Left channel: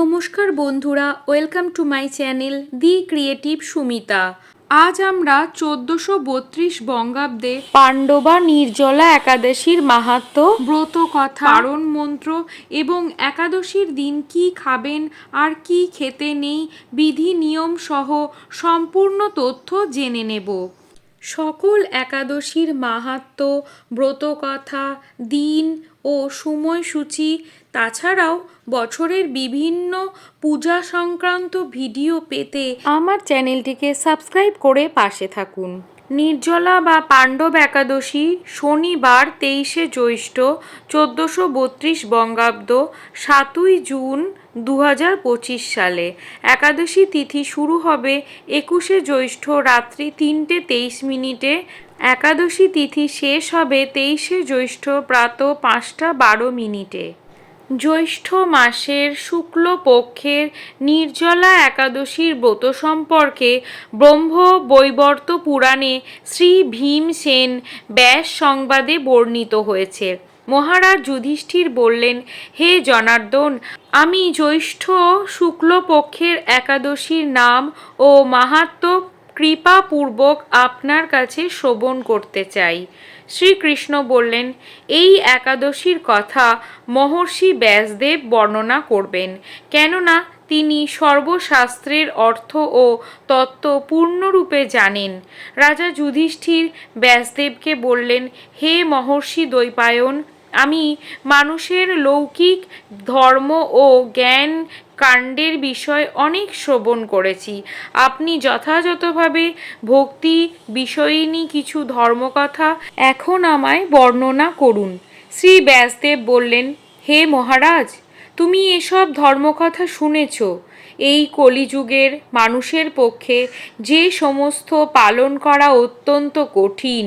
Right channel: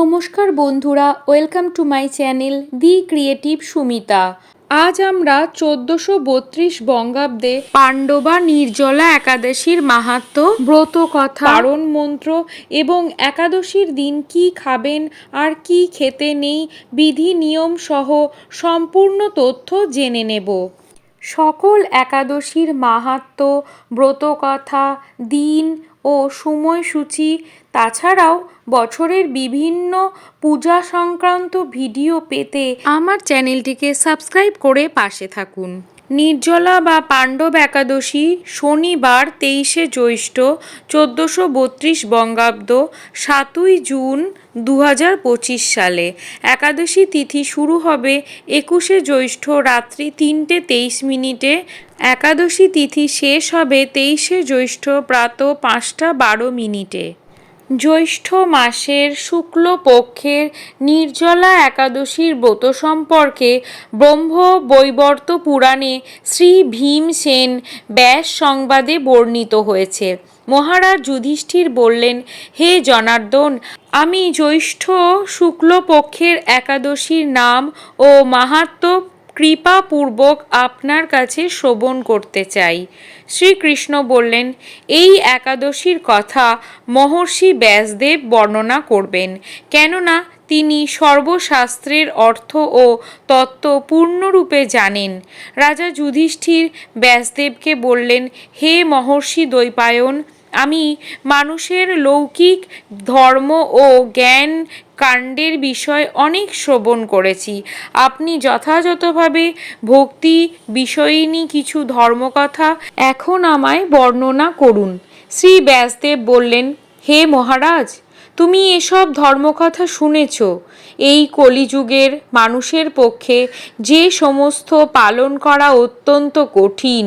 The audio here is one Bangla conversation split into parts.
নমস্কার বন্ধুরা, welcome to my channel the creative Sumita. আজ আমরা চোদ্দশো বত্রিশ বঙ্গাব্দে পাণ্ডবা নির্জলা একাদশীর মাহাত্ম, ব্রত কথা, পারণ মন্ত্র এবং একাদশীর দিন কি খাবেন আর কি খেতে নেই বিধি নিয়ম সহ সম্পূর্ণ তথ্য জেনে নেব। সকল একাদশীর মাহাত্ম্য ব্রতকথা দিন ও সময়সূচি তাছাড়াও বছরের বিভিন্ন পূজা সংক্রান্ত ভিডিও পেতে আমার চ্যানেলটিকে সাবস্ক্রাইব করে পাশে থাকুন। নির্জলা বা পাণ্ডব একাদশী শনিবার তেইশে জ্যৈষ্ঠ চোদ্দোশো বত্রিশ বঙ্গাব্দ সাতই জুন দু হাজার পঁচিশ সালে। একাদশী তিথি শুরু হবে একুশে জ্যৈষ্ঠ রাত্রি তিনটে তেইশ মিনিটে। একাদশী তিথি শেষ হবে তেইশে জ্যৈষ্ঠ প্রাত পাঁচটা বারো মিনিটে। জ্যৈষ্ঠ মাসের শুক্লপক্ষের নির্জলা একাদশীর ব্রত সম্পর্কে ব্রহ্ম বৈবর্ত পুরাণে শ্রী ভীমসেন ব্যাস সংবাদে বর্ণিত হয়েছে। মহারাজ যুধিষ্ঠির বললেন, হে জনার্দন, আমি জ্যৈষ্ঠ শুক্লপক্ষের একাদশীর নাম ও মাহাত্ম কৃপাপূর্বক আপনার কাছে শ্রবণ করতে চাই। শ্রীকৃষ্ণ বললেন, এই একাদশীর কথা মহর্ষি ব্যাসদেব বর্ণনা করবেন। কেননা তিনি সর্বশাস্ত্রের অর্থ ও তত্ত্ব পূর্ণরূপে জানেন। রাজা যুধিষ্ঠির ব্যাসদেবকে বললেন, হে মহর্ষি দ্বৈপায়ন, আমি মানুষের লৌকিক ধর্ম ও জ্ঞান কাণ্ডের বিষয় অনেক শ্রবণ করেছি। আপনি যথাযথভাবে ভক্তি বিষয়িনী কিছু ধর্মকথা এখন আমায় বর্ণনা করুন। শ্রী ব্যাসদেব বললেন, হে মহারাজ, তুমি এসব ধর্মকথা শুনেছ। এই কলিযুগের মানুষের পক্ষে যে সমস্ত পালন করা অত্যন্ত কঠিন।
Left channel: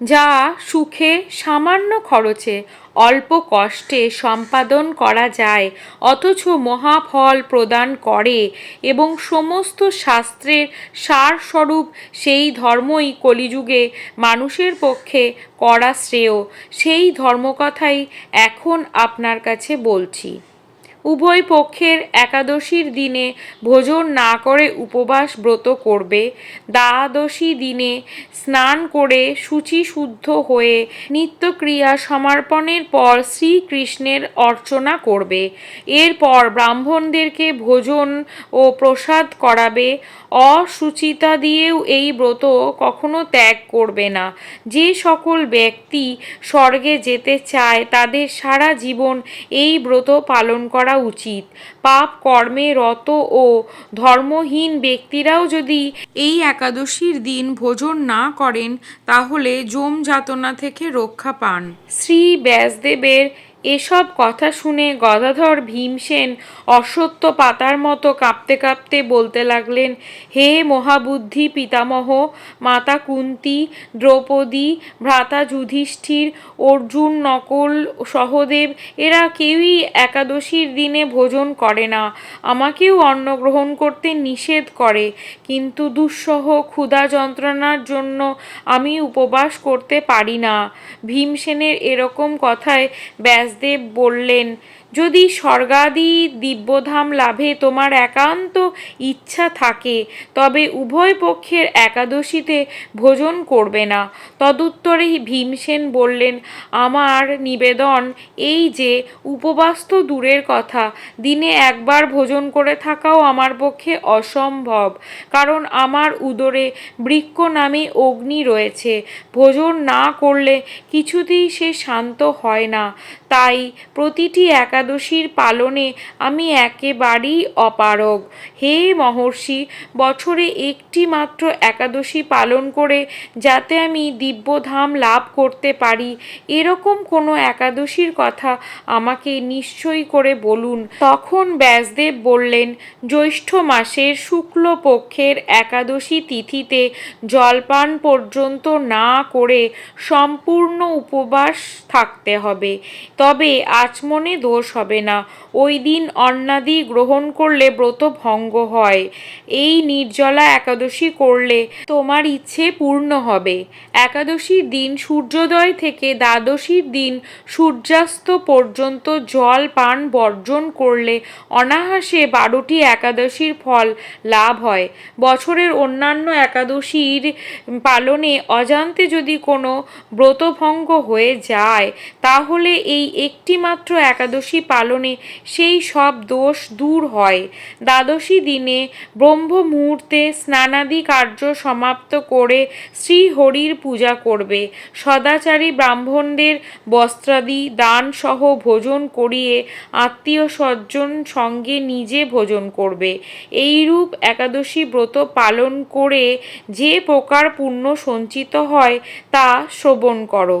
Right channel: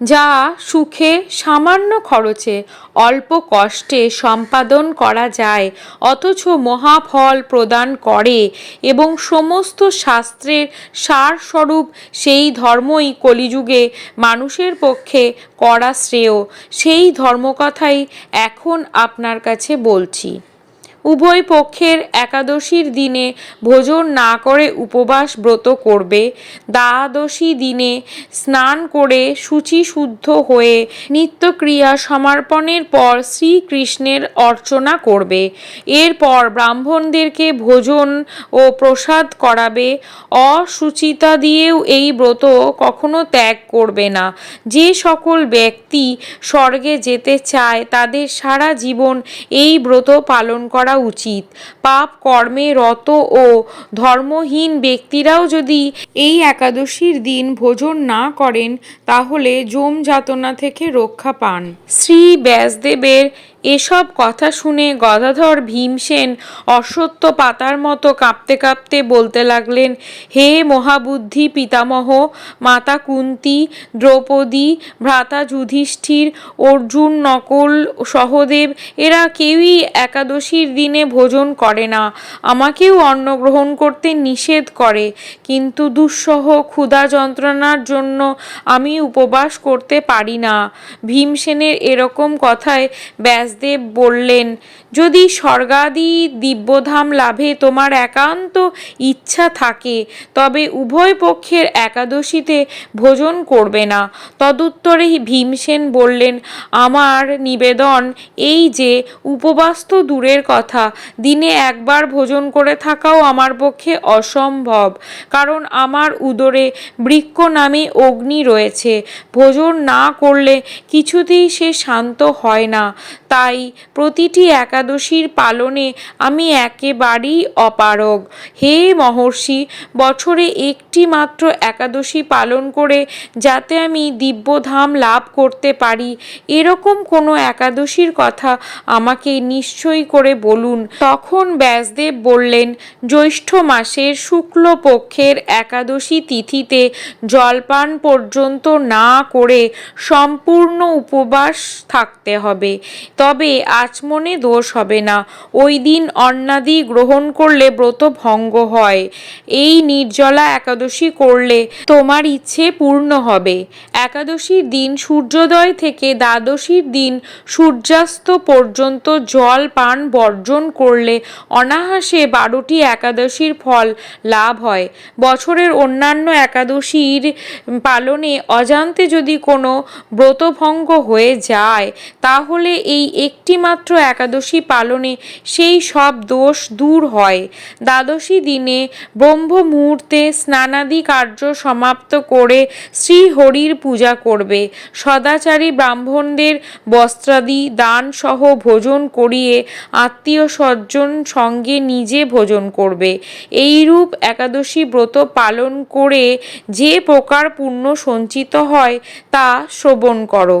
যা সুখে সামান্য খরচে অল্প কষ্টে সম্পাদন করা যায়, অথচ মহাফল প্রদান করে এবং সমস্ত শাস্ত্রের সারস্বরূপ সেই ধর্মই কলিযুগে মানুষের পক্ষে করা শ্রেয়। সেই ধর্মকথাই এখন আপনার কাছে বলছি। উভয় পক্ষের একাদশীর দিনে ভোজন না করে উপবাস ব্রত করবে। দ্বাদশী দিনে স্নান করে শুচি শুদ্ধ হয়ে নিত্যক্রিয়া সমর্পণের পর শ্রীকৃষ্ণের অর্চনা করবে। এরপর ব্রাহ্মণদেরকে ভোজন ও প্রসাদ করাবে। অসুচিতা দিয়েও এই ব্রত কখনো ত্যাগ করবে না। যে সকল ব্যক্তি স্বর্গে যেতে চায়, তাদের সারা জীবন এই ব্রত পালন করা করা উচিত। পাপ কর্মে রত ও ধর্মহীন ব্যক্তিরাও যদি এই একাদশীর দিন ভোজন না করেন, তাহলে যম যাতনা থেকে রক্ষা পান। শ্রী ব্যাসদেবের এসব কথা শুনে গদাধর ভীমসেন অসত্য পাতার মতো কাঁপতে কাঁপতে বলতে লাগলেন, হে মহাবুদ্ধি পিতামহ, মাতা কুন্তি, দ্রৌপদী, ভ্রাতা যুধিষ্ঠির, অর্জুন, নকল, সহদেব, এরা কেউই একাদশীর দিনে ভোজন করে না। আমাকেও অন্ন গ্রহণ করতে নিষেধ করে, কিন্তু দুঃসহ ক্ষুধা যন্ত্রণার জন্য আমি উপবাস করতে পারি না। ভীমসেনের এরকম কথায় ব্যাস ব্যাসদেব বললেন, যদি স্বর্গাদি দিব্যধাম লাভে তোমার একান্ত ইচ্ছা থাকে, তবে উভয় পক্ষের একাদশীতে ভোজন করবে না। তদুত্তরে ভীমসেন বললেন, আমার নিবেদন এই যে, উপবাস তো দূরের কথা, দিনে একবার ভোজন করে থাকাও আমার পক্ষে অসম্ভব, কারণ আমার উদরে বৃক্ষ নামে অগ্নি রয়েছে, ভোজন না করলে কিছুতেই সে শান্ত হয় না। তাই প্রতিটি একাদশীর পালনে আমি একেবারেই অপারগ। হে মহর্ষি, বছরে একটি মাত্র একাদশী পালন করে যাতে আমি দিব্যধাম লাভ করতে পারি, এরকম কোনো একাদশীর কথা আমাকে নিশ্চয় করে বলুন। তখন ব্যাসদেব বললেন, জ্যৈষ্ঠ মাসের শুক্লপক্ষের একাদশী তিথিতে জলপান পর্যন্ত না করে সম্পূর্ণ উপবাস থাকতে হবে। তবে আচমনে দোষ হবে না। ওই দিন অন্নাদি গ্রহণ করলে ব্রত ভঙ্গ হয়। এই নির্জলা একাদশী করলে তোমার ইচ্ছে পূর্ণ হবে। একাদশীর দিন সূর্যোদয় থেকে দ্বাদশীর দিন সূর্যাস্ত পর্যন্ত জল পান বর্জন করলে অনায়াসে বারোটি একাদশীর ফল লাভ হয়। বছরের অন্যান্য একাদশীর পালনে অজান্তে যদি কোনো ব্রতভঙ্গ হয়ে যায়, তাহলে এই একটি মাত্র একাদশী পালনে সেই সব দোষ দূর হয়। দ্বাদশী দিনে ব্রহ্ম মুহূর্তে স্নানাদি কার্য সমাপ্ত করে শ্রীহরির পূজা করবে। সদাচারী ব্রাহ্মণদের বস্ত্রাদি, দান সহ ভোজন করিয়ে আত্মীয় স্বজন সঙ্গে নিজে ভোজন করবে। এইরূপ একাদশী ব্রত পালন করে যে প্রকার পুণ্য সঞ্চিত হয় তা শ্রবণ করো।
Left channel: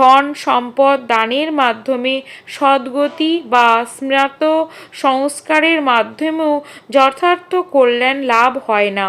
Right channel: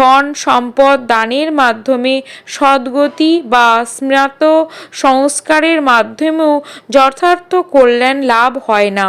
ধন সম্পদ দানের মাধ্যমে সদ্গতি বা স্মৃত সংস্কারের মাধ্যমেও যথার্থ কল্যাণ লাভ হয় না।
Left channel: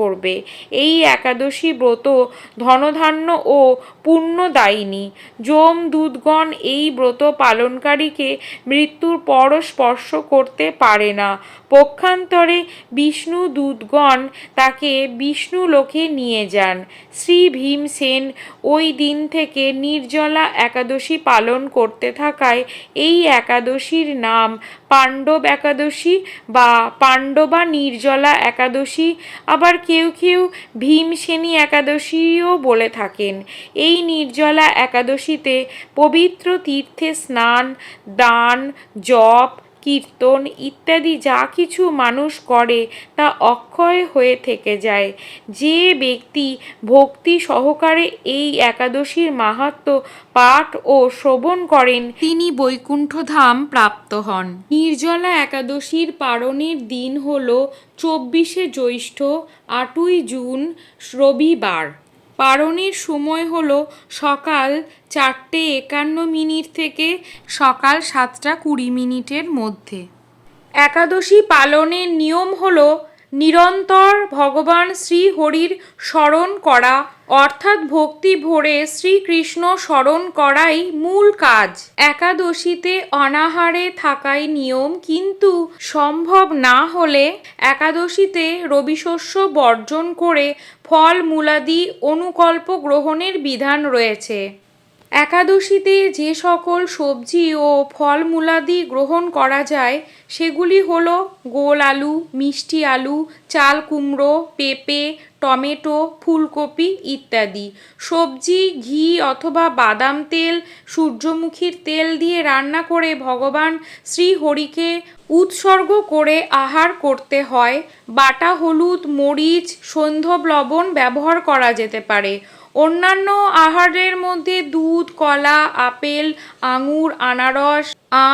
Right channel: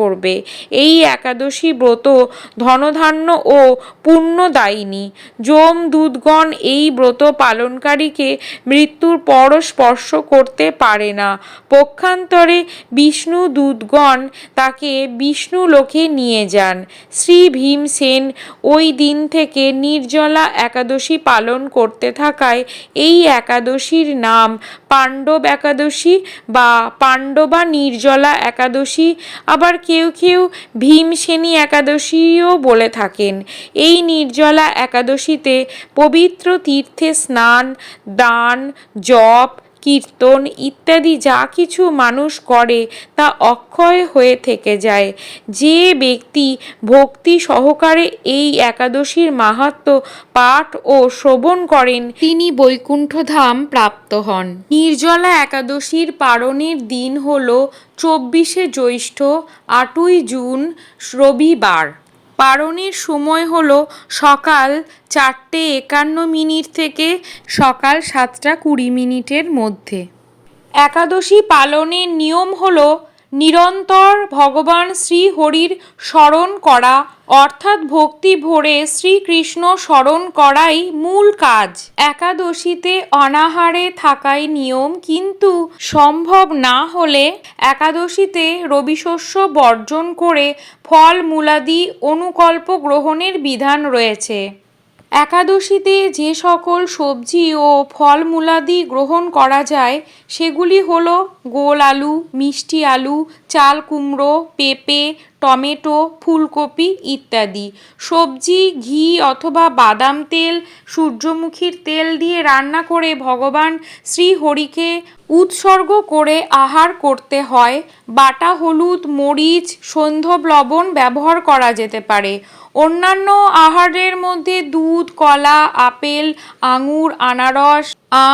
করবে। এই একাদশী ব্রত ধনধান্য ও পুণ্যদায়িনী। যম দুধগণ এই ব্রত পালনকারীকে মৃত্যুর পর স্পর্শ করতে পারে না। পক্ষান্তরে বিষ্ণু দূতগণ তাকে বিষ্ণু লোকে নিয়ে যান। শ্রী ভীমসেন ওই দিন থেকে নির্জলা একাদশী পালন করতে থাকায় এই একাদশীর নাম পাণ্ডব একাদশী বা পাণ্ডবা নির্জলা একাদশী, আবার কেউ কেউ ভীমসেনী একাদশীও বলে থাকেন। এই নির্জলা একাদশীতে পবিত্র তীর্থে স্নান দান জপ কীর্তন ইত্যাদি যা কিছু মানুষ করে তা অক্ষয় হয়ে থেকে যায়। যে ব্যক্তি ভক্তি সহকারে এই একাদশীর মাহাত্ম পাঠ ও শ্রবণ করেন, তিনি বৈকুণ্ঠধাম প্রাপ্ত হন। নির্জলা একাদশীর পারণের দিন হল চব্বিশে জ্যৈষ্ঠ আটই জুন রবিবার। পারণের সময় হলো সকাল চারটে একান্ন মিনিট থেকে সকাল সাতটা কুড়ি মিনিটের মধ্যে। একাদশী পালনের নিয়ম হলো নিরন্তর ভগবান শ্রীহরির স্মরণ করা, অর্থাৎ ভক্তি ভরে শ্রীকৃষ্ণ স্মরণ করাই মূল কাজ। একাদশীতে অনাহারে থাকাই নিয়ম, কিন্তু সম্ভব না হলে একাদশীতে রবিশস্য বর্জন করে ফল মূলাদি অনুকল্প গ্রহণের বিধান রয়েছে। একাদশীতে যে সকল সবজি ও ফলমূলাদি গ্রহণ করা যায়, সেগুলি হল গোল আলু, মিষ্টি আলু, চাল কুমড়ো, পেঁপে, টমেটো, ফুলকপি ইত্যাদি। সবজি, ঘি অথবা বাদাম তেল, সূর্যমুখীর তেল দিয়ে রান্না করে ভগবান শ্রীহরিকে উৎসর্গ করে আহার করতে হয়। বাটা হলুদ, মরিচ সৈন্ধব লবণ ব্যবহার করা যেতে পারে। অন্যান্য আহারের মধ্যে দুধ, কলা, আপেল, আঙুর, আনারস,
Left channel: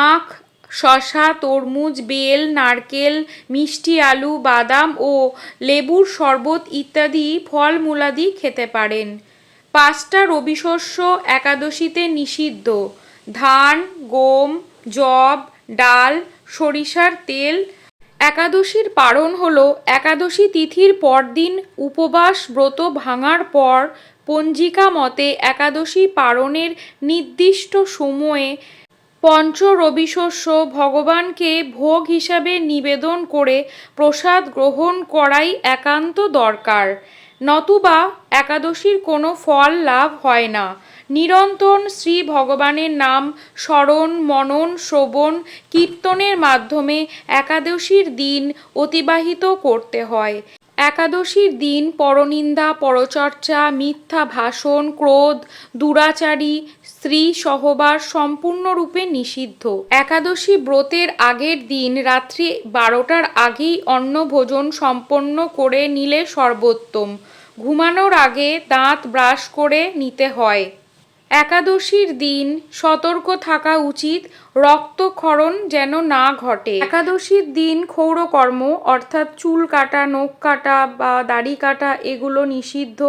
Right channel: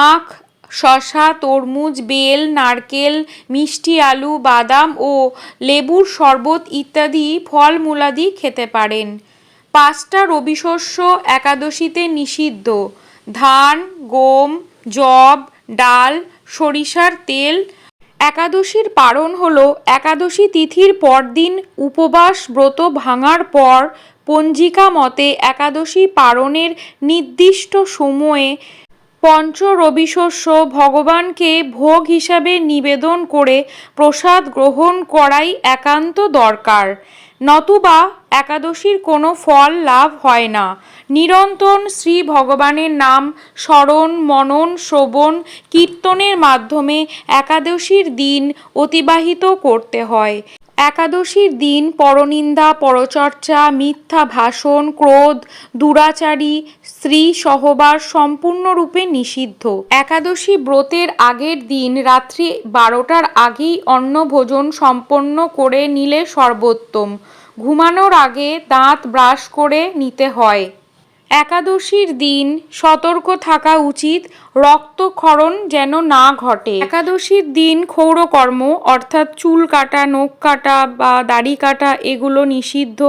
আখ শশা তরমুজ, বেল, নারকেল, মিষ্টি আলু, বাদাম ও লেবুর শরবত ইত্যাদি ফলমূলাদি খেতে পারেন। পাঁচটা রবিশস্য একাদশীতে নিষিদ্ধ। ধান, গম, যব, ডাল, সরিষার তেল। একাদশীর পারণ হলো একাদশী তিথির পরদিন উপবাস ব্রত ভাঙার পর পঞ্জিকা মতে একাদশী পারণের নির্দিষ্ট সময়ে পঞ্চ রবিশস্য ভগবানকে ভোগ হিসাবে নিবেদন করে প্রসাদ গ্রহণ করাই একান্ত দরকার। নতুবা একাদশীর কোনো ফল লাভ হয় না। নিরন্তর শ্রী ভগবানের নাম স্মরণ, মনন, শ্রবণ, কীর্তনের মাধ্যমে একাদশীর দিন অতিবাহিত করতে হয়। একাদশীর দিন, পরনিন্দা, পরচর্চা, মিথ্যা ভাষণ, ক্রোধ, দুরাচারী, স্ত্রী সহবাস সম্পূর্ণরূপে নিষিদ্ধ। একাদশী ব্রতের আগের দিন রাত্রি বারোটার আগেই অন্ন ভোজন সম্পন্ন করে নিলে সর্বোত্তম। ঘুমানোর আগে দাঁত ব্রাশ করে নিতে হয়। একাদশীর দিন সতর্ক থাকা উচিত, রক্তক্ষরণ যেন না ঘটে। একাদশীর দিন ক্ষৌরকর্ম, অর্থাৎ চুল কাটা, নখ কাটা বা দাড়ি কাটা, এগুলো নিষিদ্ধ।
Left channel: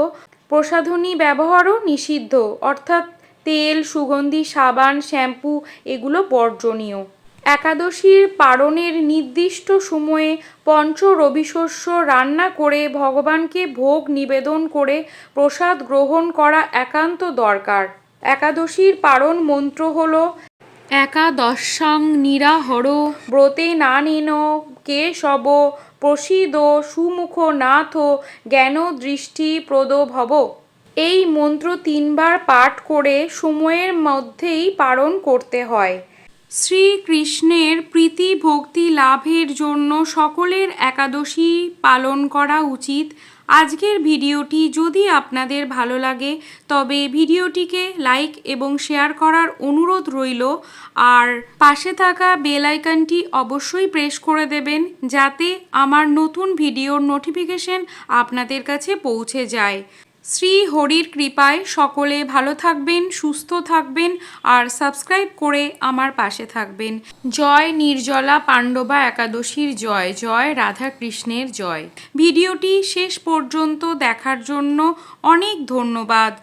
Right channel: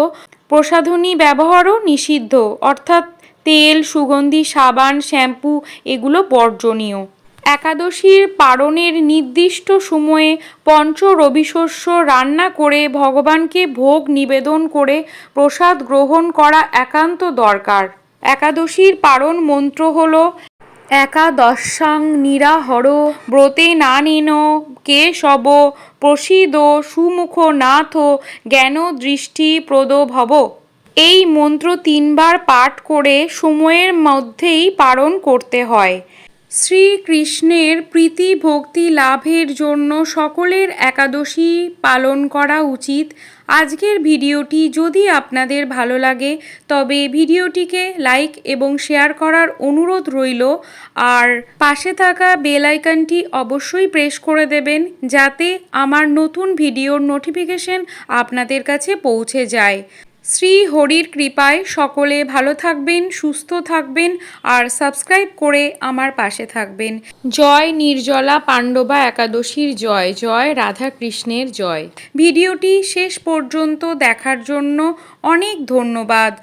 প্রসাধনী ব্যবহারও নিষিদ্ধ, অর্থাৎ তেল, সুগন্ধি, সাবান, শ্যাম্পু, এগুলো বর্জনীয়। একাদশীর পারণের নির্দিষ্ট সময়ে পঞ্চ রবিশস্য রান্না করে ভগবানকে ভোগ নিবেদন করে প্রসাদ গ্রহণ করা একান্ত দরকার। একাদশীর পারণ মন্ত্র হল, একাদশাং নিরাহর, ব্রতে না নেন কে সব প্রসিদ সুমুখ নাথ জ্ঞান দৃষ্টি প্রদ ভব এই মন্ত্র তিনবার পাঠ করে সময়ের মধ্যেই পালন করতে হয়। শ্রীকৃষ্ণের প্রীতি ভক্তি লাভের জন্য সকলের একাদশী পালন করা উচিত। আজকের ভিডিওটি যদি আপনাদের ভালো লাগে, তবে ভিডিওটিকে লাইক এবং শেয়ার করার অনুরোধ রইল। আর পাশে থাকা বেল আইকনটি অবশ্যই প্রেস করে দেবেন, যাতে আমার নতুন ভিডিওর নোটিফিকেশন আপনাদের কাছে পৌঁছে যায়। শ্রী হরির কৃপায় সকলে ভালো থাকবেন, সুস্থ থাকবেন আর সাবস্ক্রাইব করে আমার পাশে থাকবেন। জয় নির্জলা পাণ্ডবা একাদশীর জয় জয় রাধা কৃষ্ণের জয়। ভিডিওটি শেষ পর্যন্ত দেখার জন্য অনেক ধন্যবাদ।